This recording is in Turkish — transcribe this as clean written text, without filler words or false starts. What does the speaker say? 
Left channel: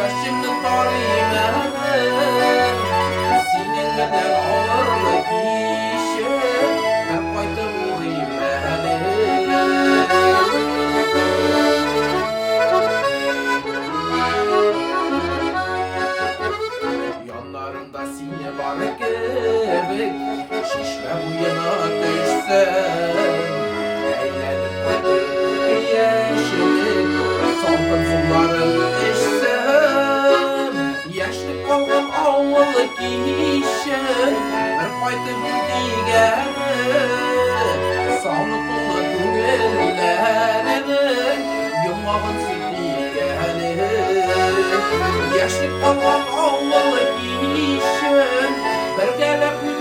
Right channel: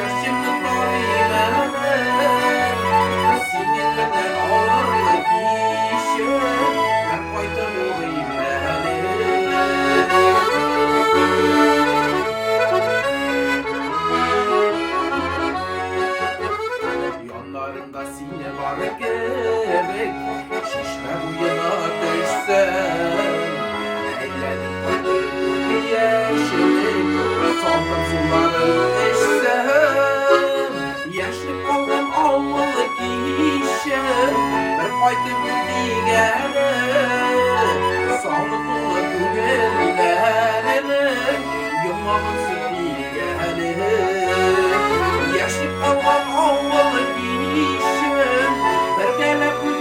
Şaşırdım tarihime Sinirlerden ağırlık işe Ben faydalı olayım Yanlarında sine var gerek Şişme bu yana düşsem Eğlenip ötüp yeşillik Saldım suları içsem Yaşlı kaldım avlılık işem Bir fayda bu digere Sağlıklı gügellerim Yılmağın sütügelim Yaşlı kaldım avlılık işem Bir gelip